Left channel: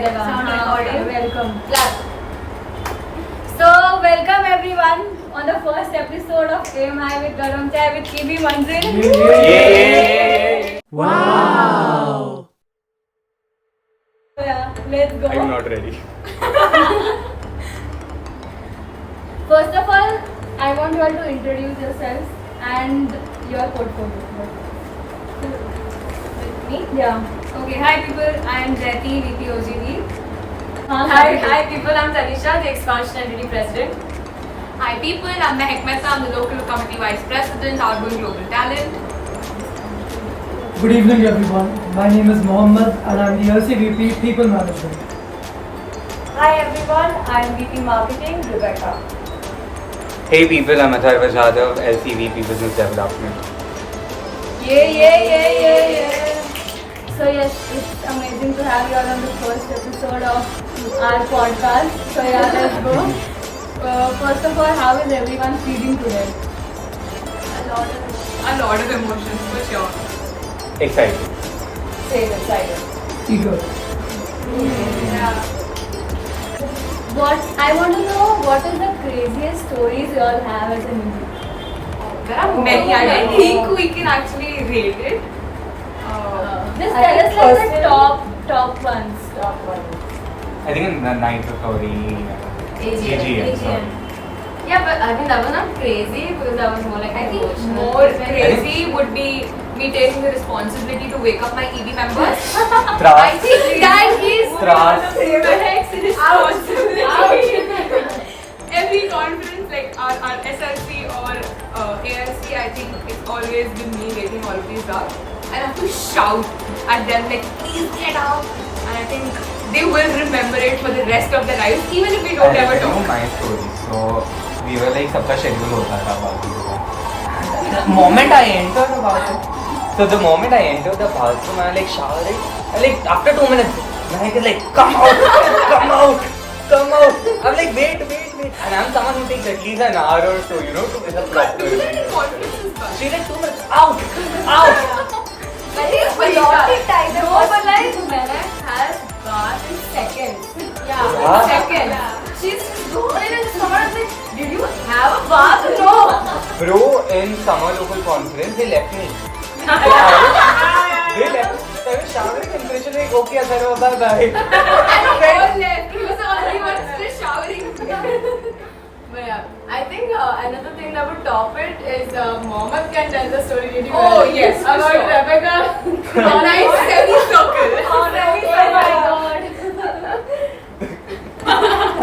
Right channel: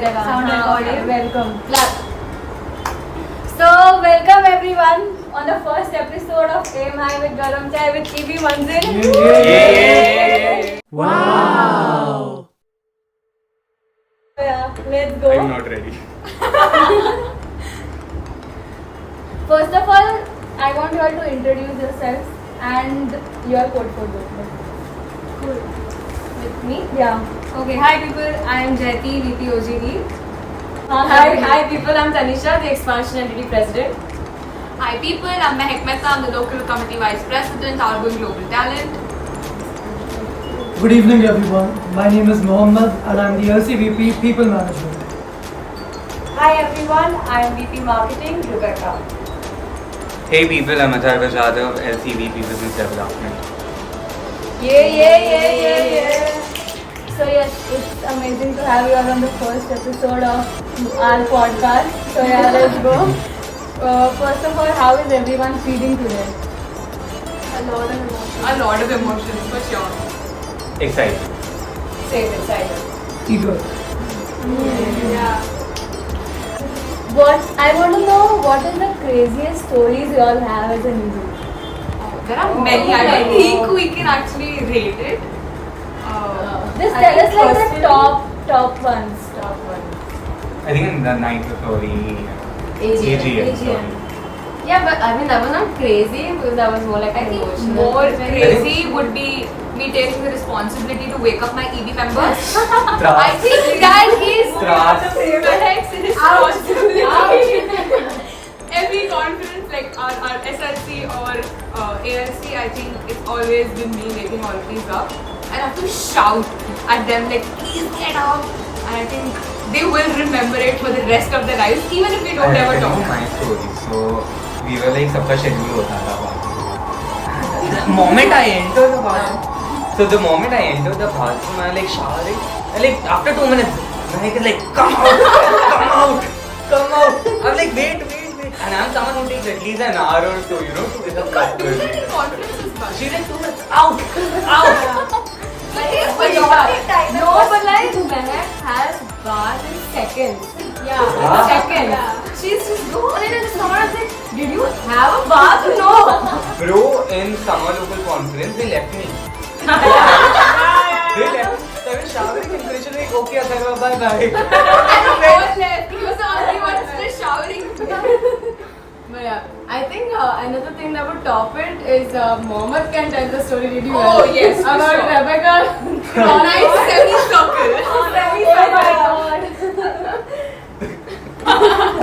Welcome. So, welcome everyone on the first episode of AMI with Garam Chai with EB Manzil. Wow! Yeah, let's go. I'm not ready. First of all, I want you all to introduce yourselves and your portfolio. Me? Yeah. Okay. Hi people, I am Jyoti, VP OGD. Hi people, I'm Tanisha, the Expansion Entity President. Hi people, I'm Mehak Mehta, I'm the Local Committee Vice President, Outgoing Global Talent. Good evening everyone. My name is Mohammed and I'm the LCVP People Management. Hi everyone, I'm VP Marketing, Rebecca. Hey people, I'm Atharva Jadhav, LCVP Business Development. Yeah. So yes, it's amazing to have you all on the first episode of our podcast. So yeah, let's go. First of all, how is everyone feeling today? A lot of emotions for sure. Excited. Same, excited. Eager. Yeah. I want to know what is the craziest stories you all have as a Hindu? There are many, I don't think we can actually rate it. Just I tell us think like the personally- top ones. I think in the night of our AGM. Yeah, but I mean, that was not crazy because that was more like I think more crazy would be me taking the responsibility to wake up my EB members. I think that is Mehak's responsibility. Every conference, like our SRC or ARC, I think it's always been me waking all of these up. I have to shout at them like, please get up. And I think they will remember it for the rest of their lives, even if we don't ever I talk. know my story. So we were like सबका schedule होता था bathroom. The moment I entered the bathroom, so the moment I entered the bathroom, I like showering. And like after 2 minutes, I was like, come out. I'm like, wait. And I'm someone who takes at least an hour or so, to get up properly. Conferences, but She's like 2 minutes, out. But like Mehak has bath in seconds. Yeah. Seconds. She's just going in the summer and like, did you have a bath? No. Bro, in summer local conference, they left me. They left me. So I was showering and finished like, okay, Atharva, bye. all left. He was the only one still showering. But yeah, I think another thing that would top it is Mohammed can tell the story really Oh, well. yes, for About sure. Rebecca. Nice semicircle.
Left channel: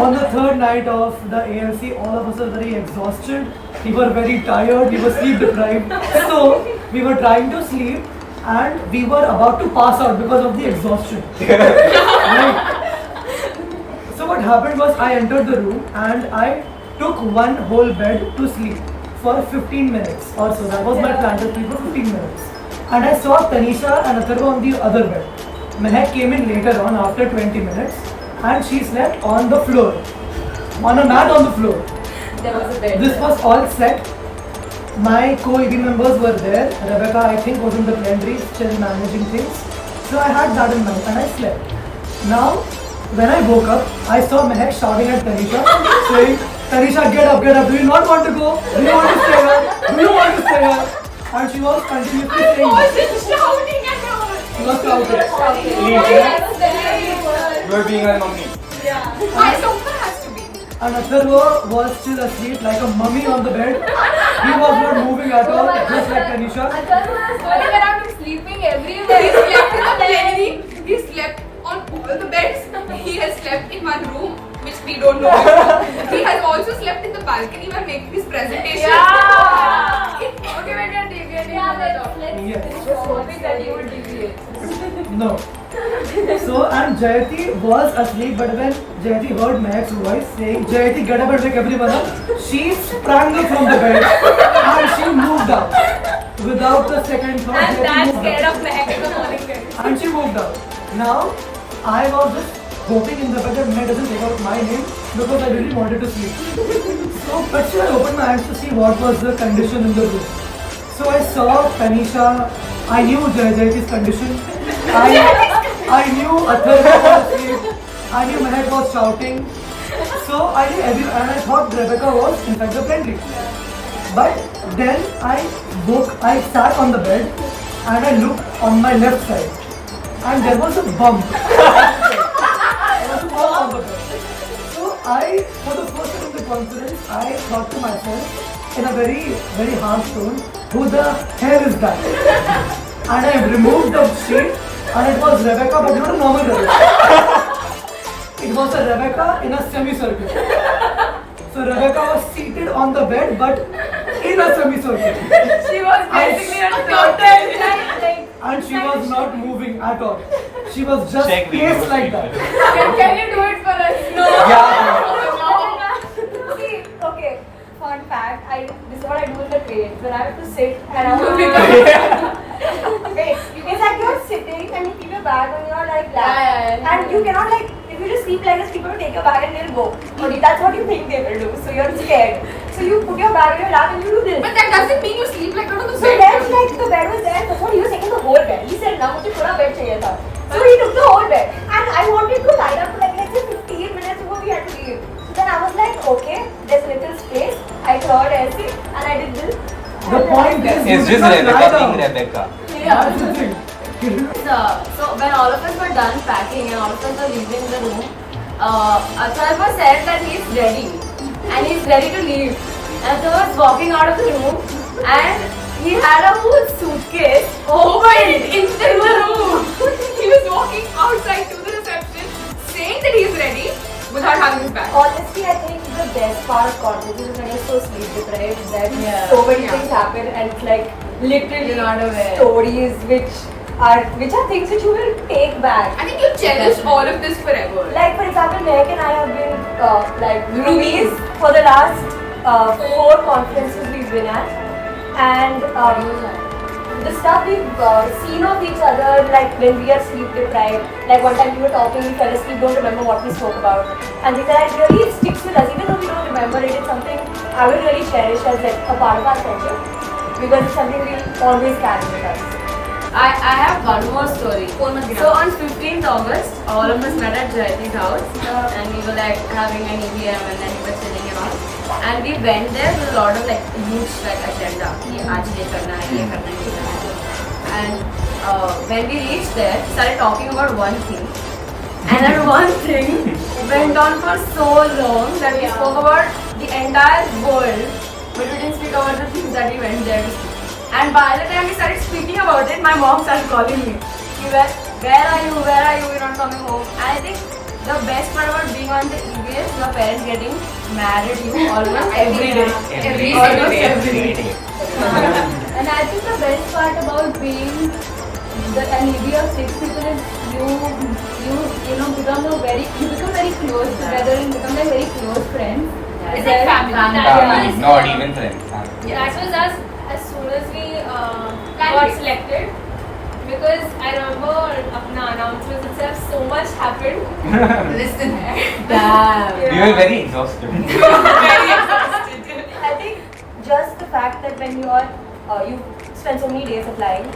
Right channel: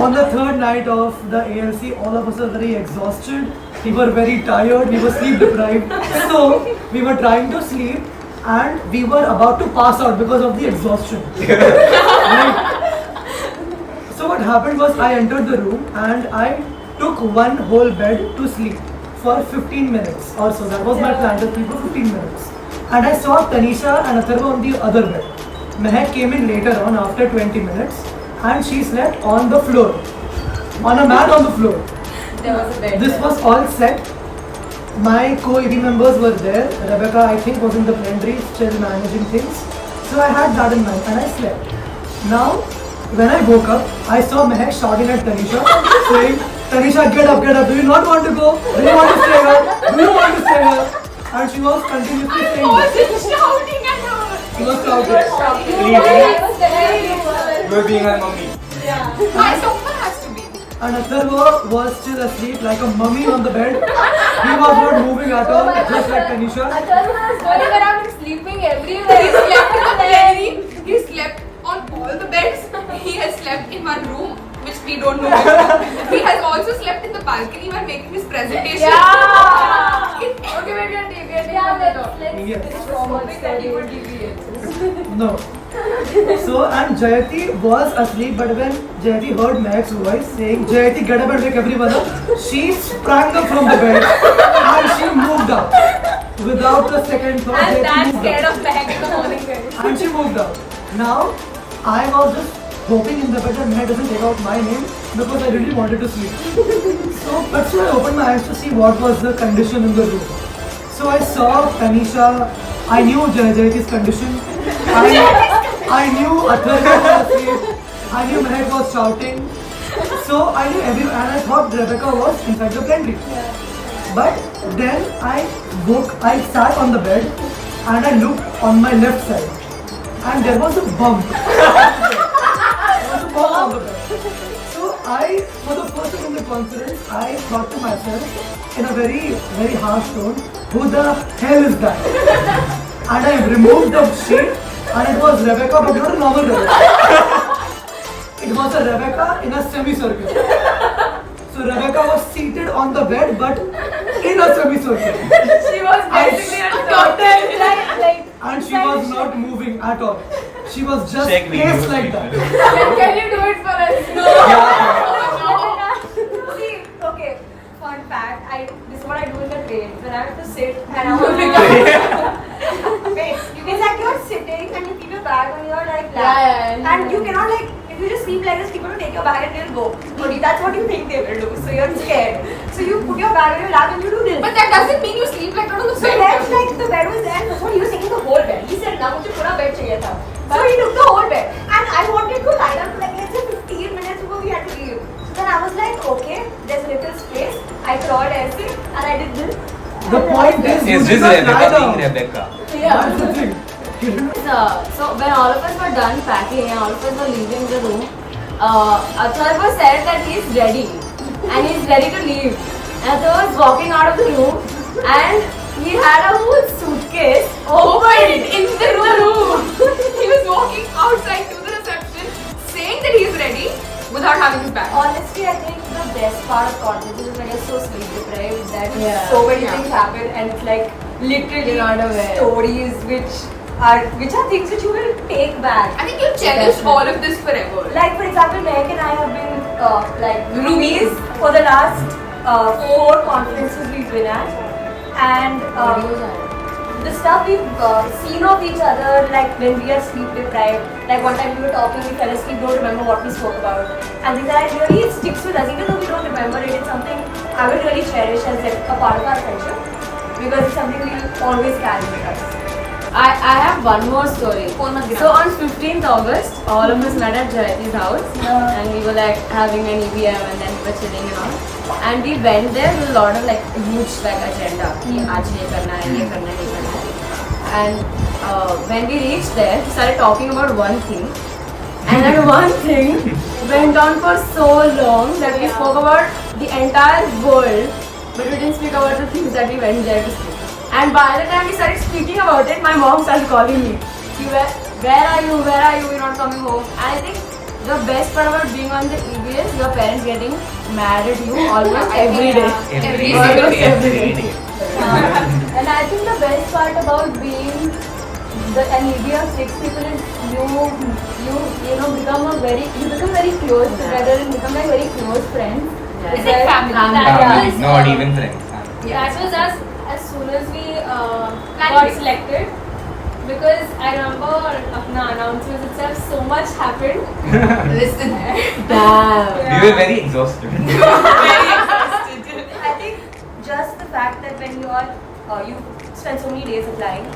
On the third night of the ALC, all of us were very exhausted. We were very tired. We were sleep deprived. So we were trying to sleep and we were about to pass out because of the exhaustion. Right? So what happened was I entered the room and I took one whole bed to sleep for 15 minutes or so. That was my plan to sleep for 15 minutes. And I saw Tanisha and Atharva on the other bed. Mehak came in later on after 20 minutes and she slept on the floor. On a mat on the floor. There was a bed. This was all set. My co-EB members were there. Rebecca, I think, was in the pantry still managing things. So I had that in mind and I slept. Now, when I woke up, I saw Mehak shouting at Tanisha, saying, Tanisha, get up. Do you not want to go? Do you want to stay here? And she was continuously I saying that. wasn't shouting at her. She was shouting. You were being a mummy. Someone has to be. And Atharva was still asleep like a mummy on the bed. He was not moving at all, just like Tanisha. Atharva is running around and sleeping everywhere. He slept in the plenary. He slept on all the beds. He has slept in my room, which we don't know before. He has also slept in the balcony while making his presentation. Okay, we're gonna take it. Yes. Just hoping that you would deviate. No. So, and Jayati was asleep, but when Jayati heard Mehak's voice saying, Jayati, get up and wake everyone up, she sprang up from the bed and she moved up. Without a second thought, Jayati moved up. And she moved up. Now, I was just hoping in the bed that Mehak doesn't take out my name because I really wanted to sleep. So I opened my eyes to see what was the condition in the room. So I saw Tanisha. I knew Jayati's condition. I knew Atharva was asleep. I knew Mehak was shouting. So I knew and I thought Rebecca was inside the pantry. But then I sat on the bed and I looked on my left side and there was a bump. There was a bump on the bed. So for the first time in the conference, I thought to myself in a very, very harsh tone, who the hell is that? And I removed the sheet and it was Rebecca, but not a normal Rebecca. It was a Rebecca in a semicircle. So Rebecca was seated on the bed, but in a semicircle. She was basically a tortoise. And she was not moving at all. She was just placed like that. Can you do it for us? See, okay, fun fact, this is what I do in the train. When I have to sit and I want to become wait, it's like you're sitting and you keep your bag on your like lap. And you cannot like, if you just sleep like this, people will take your bag and they'll go. Okay, that's what you think they will do. So you're scared. So you put your bag on your lap and you do this. But that doesn't mean you sleep like that on the So bed. then like the bed was there, that's what he was taking the whole bed. He said, now मुझे पूरा bed चाहिए था. So he took the whole bed. And I wanted to lie down for like let's say 15 minutes before we had to leave. So then I was like, okay, there's little space. I crawled ऐसे and I did this. The point is, you Is did this not lie Rebecca down. being Rebecca? That's the thing. You didn't- So when all of us were done packing and all of us were leaving the room, Atharva said that he is ready and he is ready to leave. And Atharva was walking out of the room and he had a whole suitcase Open in the room. He was walking outside to the reception, saying that he is ready without having his bag. Honestly, I think the best part of conferences is when you're so sleep deprived that so many things happen and it's like literally You're not aware. stories which are things which you will take back. I think you'll cherish all of this forever. Like for example, Mehak and I have been like roomies for the last 4 conferences we've been at, and the stuff we've seen of each other, like when we are sleep deprived, like one time we were talking, we fell asleep, don't remember what we spoke about, and things like that really sticks with us, even though we don't remember it. It's something I would really cherish as like a part of our friendship because it's something we'll always carry with us. I have one more story. Phone mat So on 15th August, all of us met at Jayati's house and we were like having an EVM and then we were chilling and all. And we went there with a lot of like huge like agenda. आज ये करना है, ये करना है, ये करना है. And when we reached there, we started talking about one thing. And then one thing went on for so long that we spoke about the entire world, but we didn't speak about the things that we went there to speak. And by the time we started speaking about it, my mom started calling me. She was like, where are you? Where are you? You're not coming home. And I think the best part about being on the EB is your parents getting mad at you almost every day. Every Almost single day. every day. And I think the best part about being an EB of 6 people is you become very close together and become like very close friends. It's like family. Yeah. Not even friends. Family. That was us as soon as we Plan got B. selected, because I remember अपना announcements itself so much happened. Listen. Damn. We were very exhausted. Very exhausted. I think just the fact that when you spend so many days applying,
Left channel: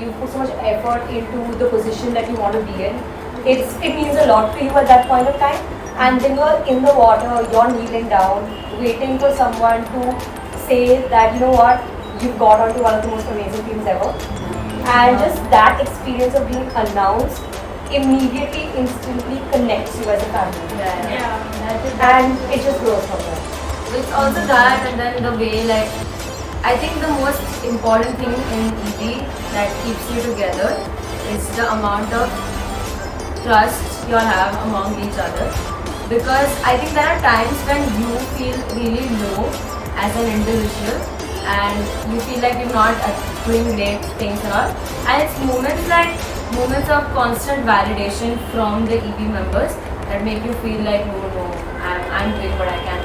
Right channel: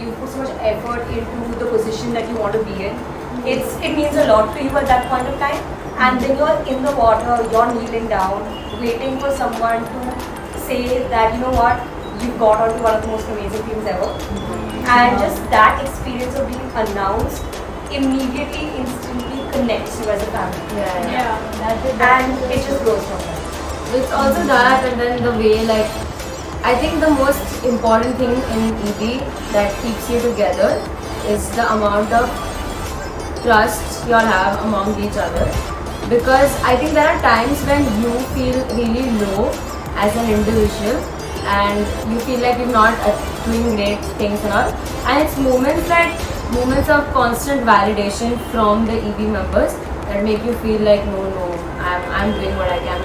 you put so much effort into the position that you want to be in. It means a lot to you at that point of time. And then you're in the water, you're kneeling down, waiting for someone to say that, you know what, you've got onto one of the most amazing things ever. And just that experience of being announced immediately, instantly connects you as a family. And it just grows from there. It's also that, and then the way like I think the most important thing in EB that keeps you together is the amount of trust you all have among each other. Because I think there are times when you feel really low as an individual and you feel like you're not doing great things and all. And it's moments of constant validation from the EB members that make you feel like no, I'm doing what I can.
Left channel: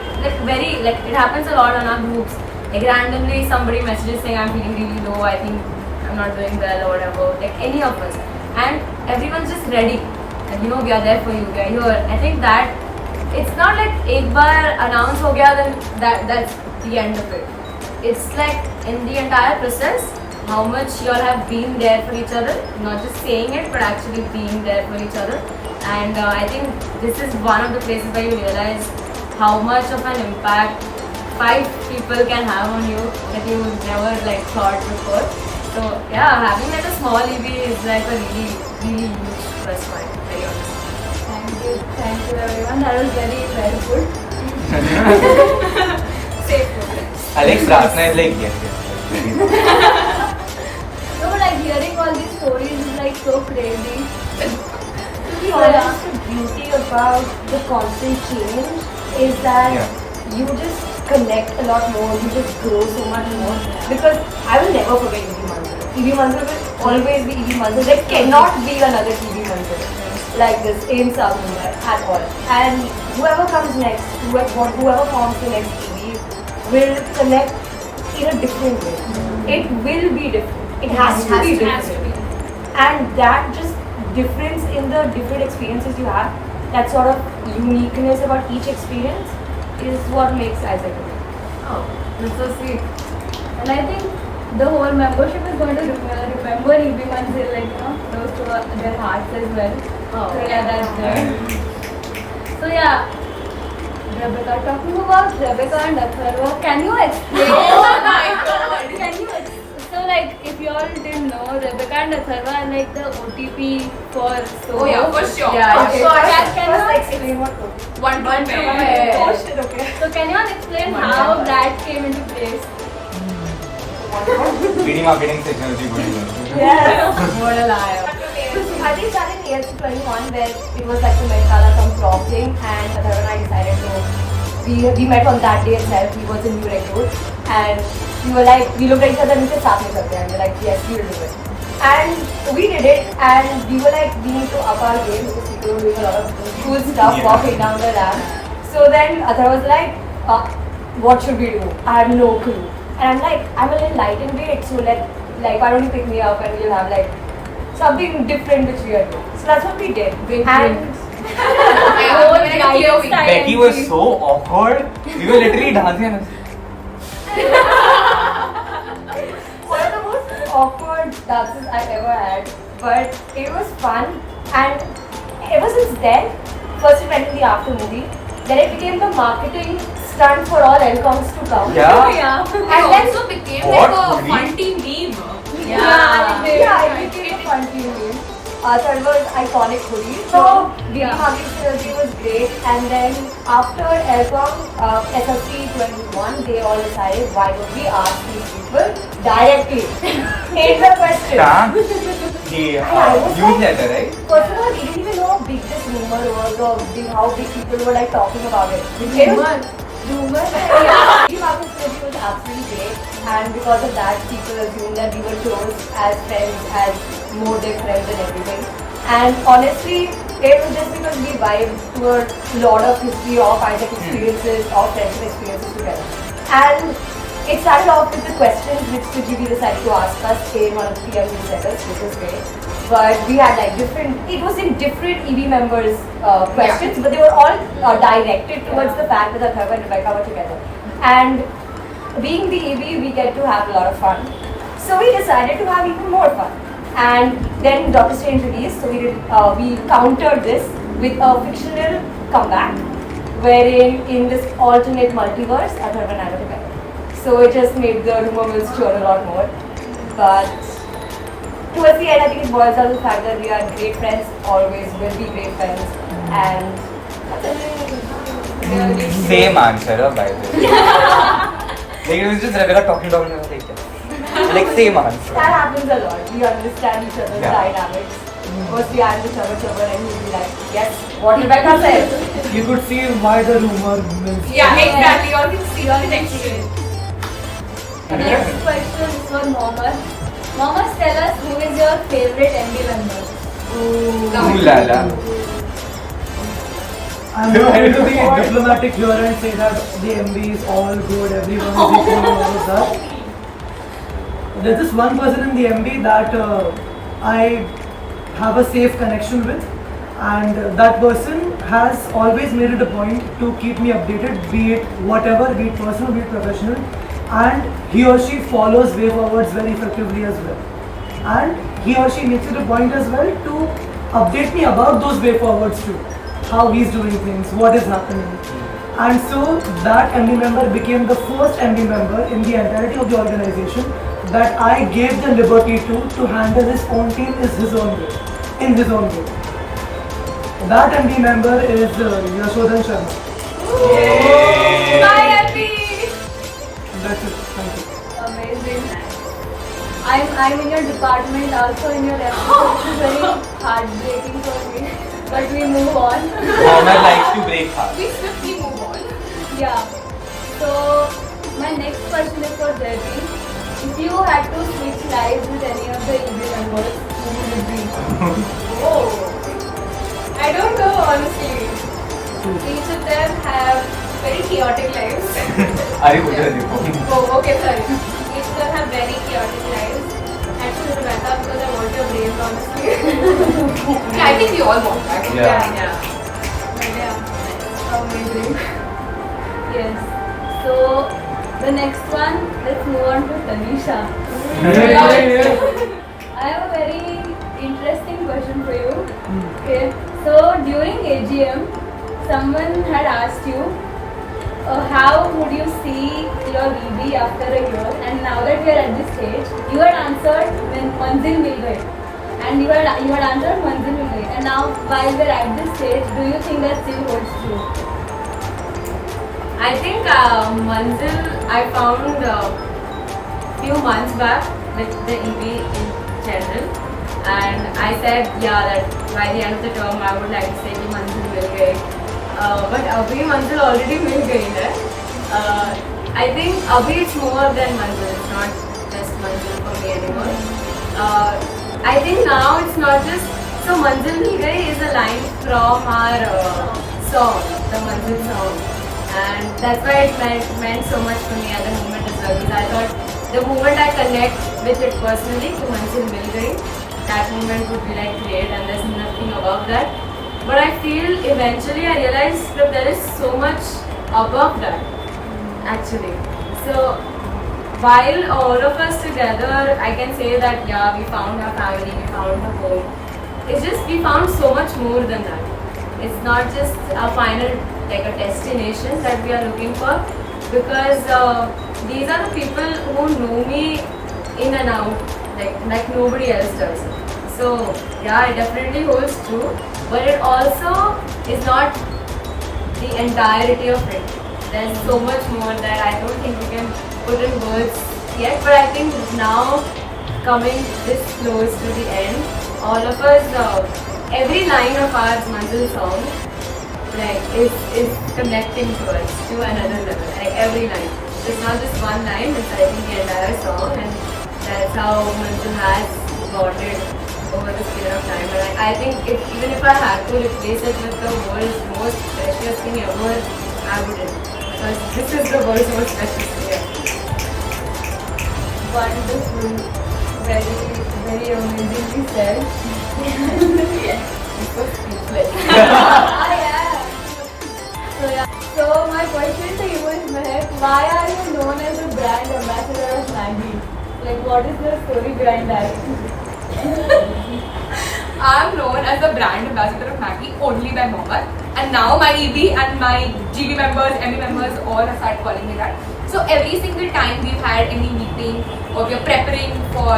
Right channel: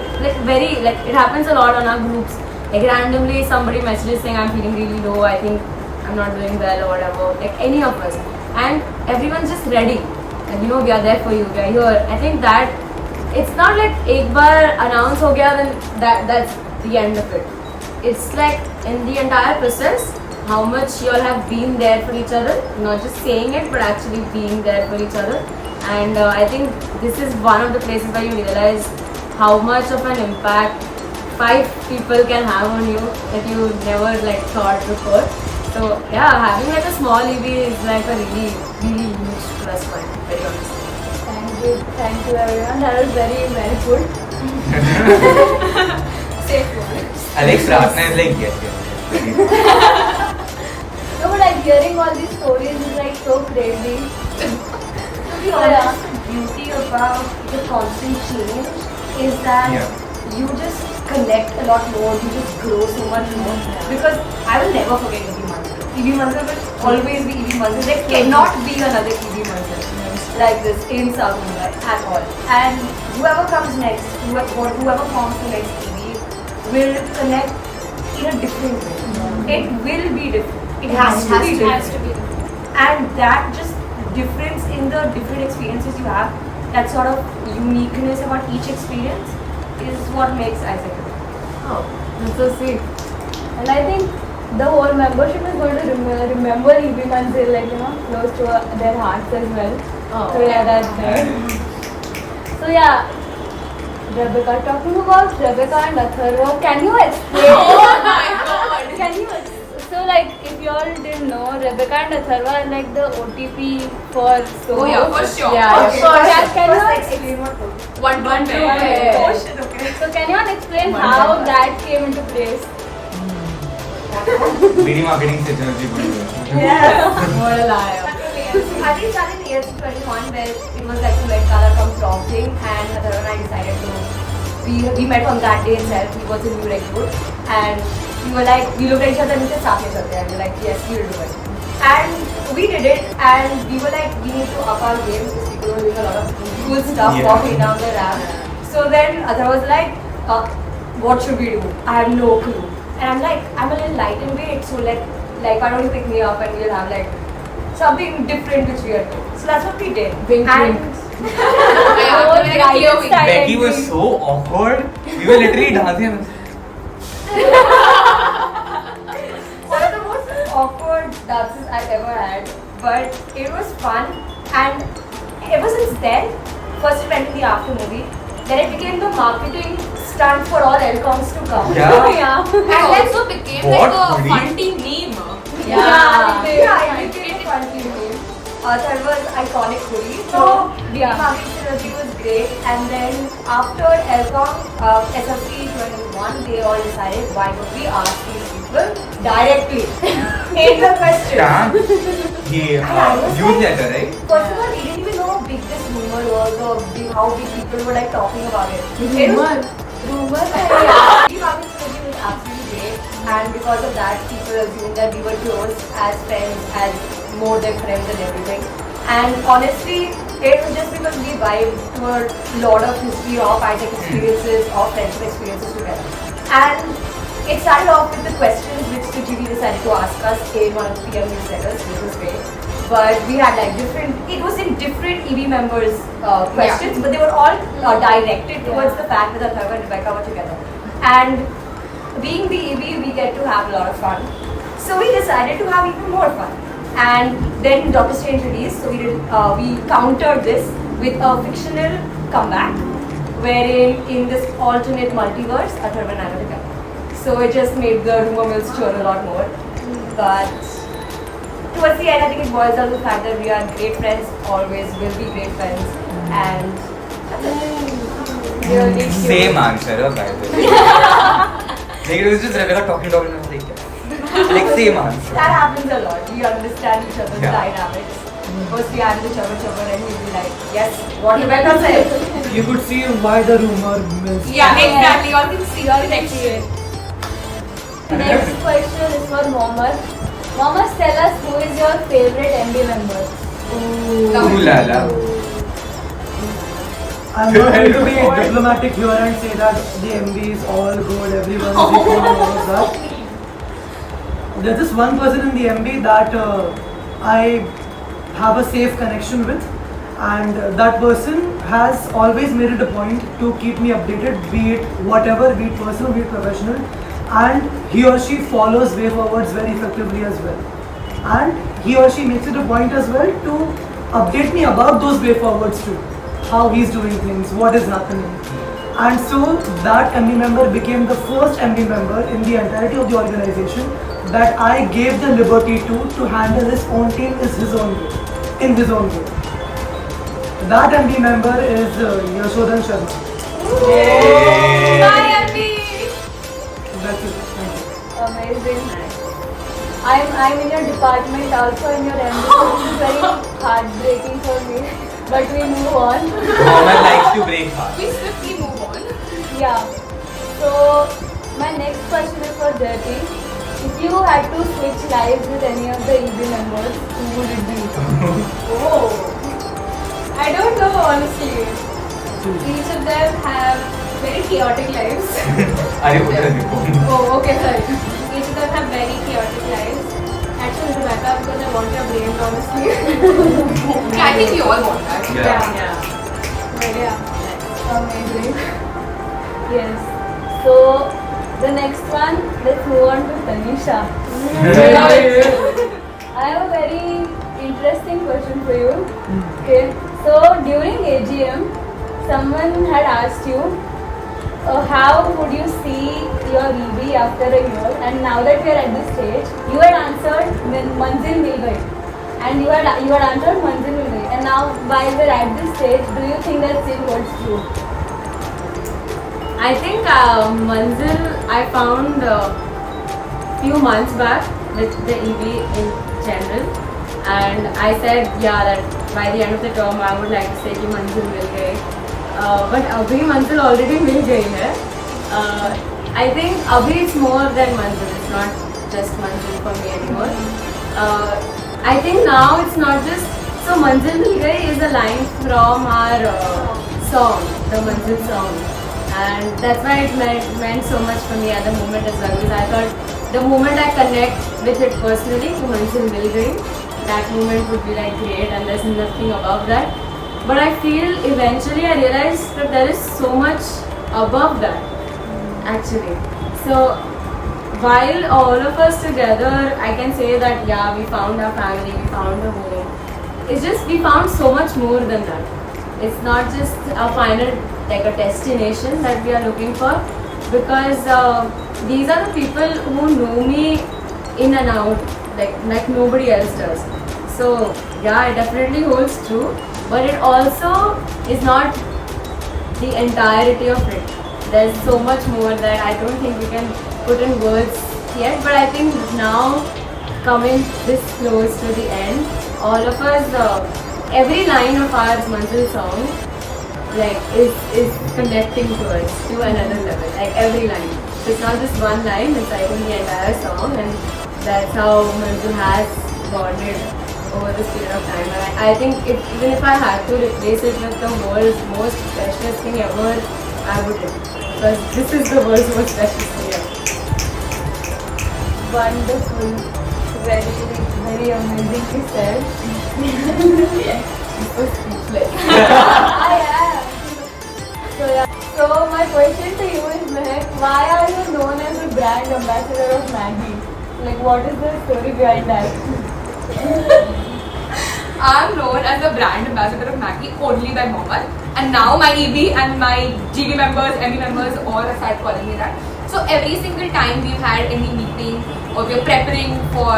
Like it happens a lot on our groups. Like randomly somebody messages saying I'm feeling really low, I think I'm not doing well or whatever. Like any of us. And everyone's just ready. And we are there for you, we are here. I think that it's not like एक बार announce हो गया then that's the end of it. It's like in the entire process, how much you all have been there for each other, not just saying it but actually being there for each other. And I think this is one of the places where you realize how much of an impact 5 people can have on you that you never like thought before. So yeah, having like a small EB is like a really huge plus point, very honestly. Thank you everyone. That was very good. Safe word. Alex Ratna is like, yes. No, like hearing all these stories is like so crazy. To be honest, the beauty about the constant change is that you just connect a lot more, you just grow so much more. Because I will never forget EB Manzil. EB Manzil will always be EB Manzil. There cannot be another EB Manzil like this in South Mumbai at all. And whoever comes next, whoever forms the next EB will connect in a different way. It will be different. It has to be different. And that just difference in the different experiences you have, that sort of uniqueness about each experience is what makes Isaac different. Oh, that's so sweet. And I think the whole membership is going to remember EB Manzil, like, close to their hearts as well. Oh. So yeah, that's great. So yeah, Rebecca, talking about Rebecca and Atharva, can you explain? Oh my god! So like, if you all didn't know, Rebecca and Atharva are like the OTP for so. Oh yeah, for sure. Yeah, Okay, can you Explain what goes. One to One to pair. pair. Oh shit, okay. So can you all explain how that came into place? Really marketing technology going on. Yes. What a liar. I think that in year 21 where it was like the Met Gala from Prompting, and Atharva and I decided to, we met on that day itself. He was a new recruit and we were like, we looked at each other and we said, "Start nahi sakte," and we were like, yes, we will do it. And we did it, and we were like, we need to up our game because people were doing a lot of cool stuff walking down the ramp. So then Atharva was like, what should we do? I have no clue. And I'm like, I'm a little light in weight, so why don't you pick me up and we'll have like something different which we are doing. So that's what we did. Drink, And Betty was so awkward. We were literally dancing. And one of the most awkward dances I've ever had, but it was fun. And ever since then, first we went to the after movie, then it became the marketing stunt for all Elcoms to come. Yeah. It also became What? like a fun team meme. Yeah, it became a fun team name. That was iconic hoodie. So marketing synergy was great. And then after Elcom, SFC 21, they all decided, why don't we ask these people directly? Hate the question. damn. He, And I was you like, said that, right? first of all, we didn't even know how big this rumor was or how big people were like talking about it. It was rumor. Yeah. The marketing synergy was absolutely great, and because of that, people assumed that we were close as friends, as more than friends and everything. And honestly, it was just because we vibed to a lot of history of Isaac experiences, of friendship experiences together. And it started off with the questions which Sujiti decided to ask us in one of the PM newsletters, which was great. But we had like it was in different EB members' questions, but they were all directed towards the fact that Atharva and Rebecca were together. And being the EB, we get to have a lot of fun. So we decided to have even more fun. And then Doctor Strange released, so we countered this with a fictional comeback, wherein in this alternate multiverse, Atharva and I were together. So it just made the rumor mills churn a lot more. But towards the end, I think it boils down to the fact that we are great friends, always will be great friends, and that's it. Same answer, by the way. Like, it was just Rebecca talking and I was like same answer. That happens a lot. We understand each other's dynamics. First we answer each other and he'll be like, yes, what Rebecca said. You could see why the rumor mills. Yeah, exactly. You all can see the connection. Next question is for Mohammed. Mohammed, tell us who is your favorite MB member? Ooh la la. I'm going to be diplomatic here and say that the MB is all good, everyone is equal and all of that. There's this one person in the MB that I have a safe connection with, and that person has always made it a point to keep me updated, be it whatever, be it personal, be it professional, and he or she follows way forwards very effectively as well. And he or she makes it a point as well to update me about those way forwards too. How he's doing things, what is happening. And so that MB member became the first MB member in the entirety of the organization that I gave the liberty to handle his own team in his own way. That MB member is Yashodhan Sharma. Bye, Abby. That's it. Thank you. Amazing. I'm in your department, also in your MD, so this is very heartbreaking for me. But we move on. Mohammed likes to break hearts. We swiftly move on. Yeah. So my next question is for Debbie. If you had to switch lives with any of the EB members, who would it be? Oh. I don't know, honestly. Each of them have very chaotic lives. Are you putting the phone? Oh, okay, sorry. Each of them have very chaotic lives. Actually, Rebecca, because I want your brain, honestly. Yeah, I think we all want that. Yeah. Amazing. Yes. So the next one, let's move on to Tanisha. I have a very interesting question for you. Okay. So during AGM, someone had asked you, how would you see your EB after a year? And now that we are at this stage, you had answered when Manzil will get. And you had answered Manzil will get. And now while we are at this stage, do you think that still holds true? I think Manzil I found a few months back with the EB in general, and I said that by the end of the term I would like to say कि Manzil will गए, but अभी Manzil already मिल गई है. I think अभी it's more than Manzil, it's not just Manzil for me anymore. I think now it's not just so Manzil मिल गई is a line from our song, the Manzil song. And that's why it meant so much for me at the moment as well, because I thought the moment I connect with it personally, to Manzil Mil Gayi, that moment would be like great, and there's nothing above that. But I feel eventually I realized that there is so much above that, actually. So while all of us together, I can say that we found our family, we found a home. It's just we found so much more than that. It's not just a final, like a destination that we are looking for, because these are the people who know me in and out, like nobody else does. So it definitely holds true, but it also is not the entirety of it. There's so much more that I don't think we can put in words yet, but I think now coming this close to the end, all of us, every line of our Manzil song is connecting to us to another level, like every line. It's not just one line, it's I think the entire song, and that's how Manzil has bonded over this period of time. But I think even if I had to replace it with the world's most precious thing ever, I wouldn't, because this is the world's most precious thing ever. Wonderful. Very, very amazingly said. So speechless. So my question to you is, Mehak, why are you known as the brand ambassador of Maggi? Like, what is the story behind that? I'm known as the brand ambassador of Maggi only by Mohammed, and now my EB and my GB members, ME members all have started calling me that. So every single time we've had any meeting or we're preparing for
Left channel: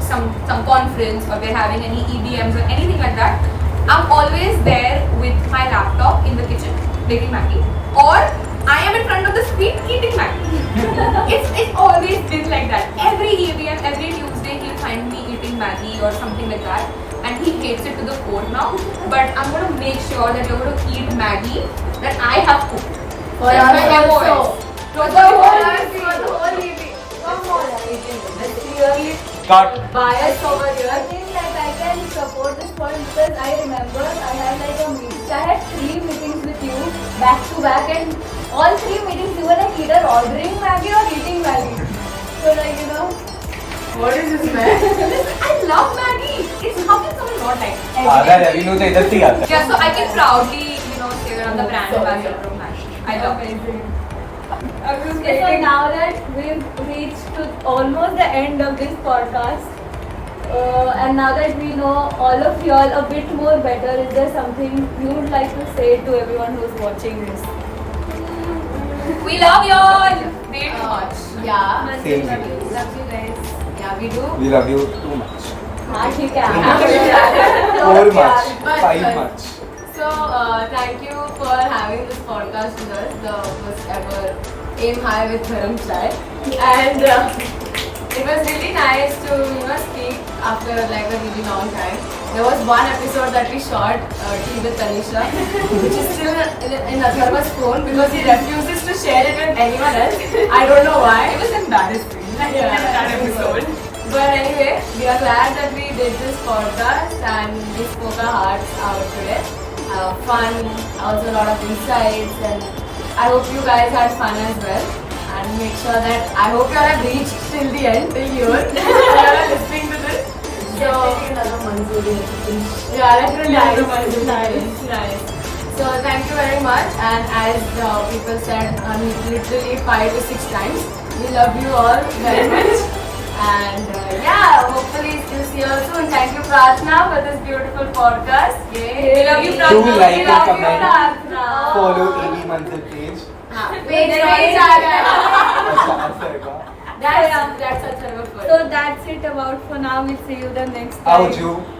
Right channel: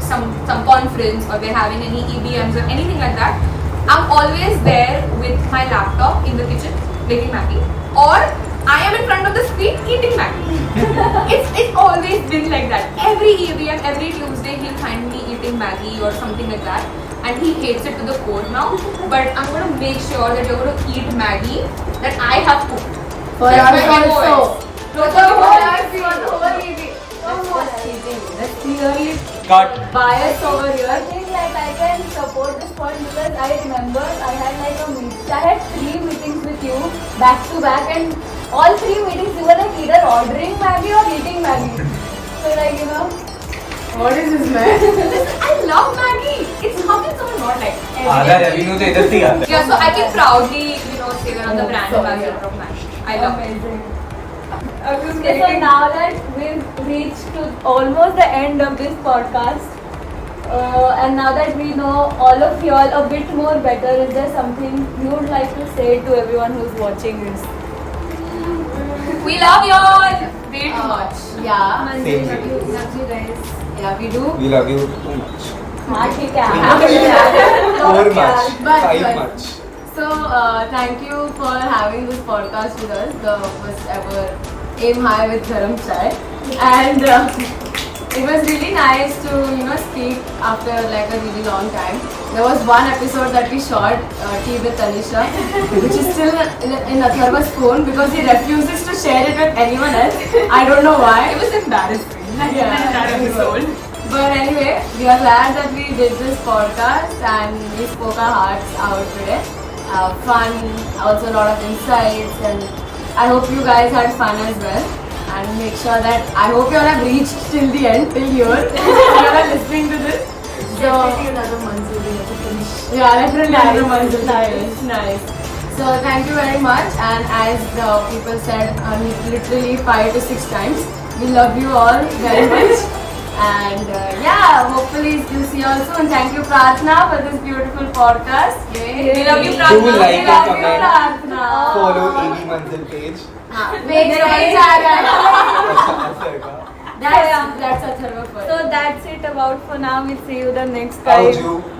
some conference or we're having any EBMs or anything like that, I'm always there with my laptop in the kitchen making Maggi, or I am in front of the screen eating Maggi. It's always been like that. Every EBM, every Tuesday he'll find me eating Maggi or something like that, and he hates it to the core now. But I'm gonna make sure that you're gonna eat Maggi that I have cooked. For That's us my also. voice. For the whole EB. Let's clearly Cut. bias over I here. think like I can support this point because I remember I had like a meeting. I had 3 meetings with you back to back, and all 3 meetings you were like either ordering Maggi or eating Maggi. So like What is this, man? Listen, I love Maggi. It's how can someone not like it? आधा रवि नु तो इधर से ही आता है. Yeah, so I can proudly, say that I'm the brand ambassador of Maggi. I love it. So now that we've reached to almost the end of this podcast, And now that we know all of you all a bit more better, is there something you would like to say to everyone who's watching this? We love you all. Way too much. Yeah. Same Love here. you guys. Yeah, we do. We love you too much. हाँ ठीक है. More much. But- 5 but- much. So, thank you for having this podcast with us, the first ever Aim High with Garam Chai. And it was really nice to, speak after like a really long time. There was one episode that we shot, Tea with Tanisha, which is still in Atharva's phone because he refuses to share it with anyone else. I don't know why. It was embarrassing. That episode. But anyway, we are glad that we did this podcast and we spoke our hearts out today. Fun, also a lot of insights, and I hope you guys had fun as well. And make sure that I hope you all have reached till the end, till here. You all are listening to this. So another Manzil. Yeah, literally another Manzil. Nice. So thank you very much. And as people said, literally 5 to 6 times, we love you all very much. And yeah, hopefully you'll see you all soon. Thank you, Pratna, for this beautiful podcast. Yay. We love you, Do Pratna. like We and love you, comment. Pratna. Follow EB Manzil page. Wait, अच्छा, ऐसे होगा. That's a third So that's it about for now. We'll see you the next time. Aujoo.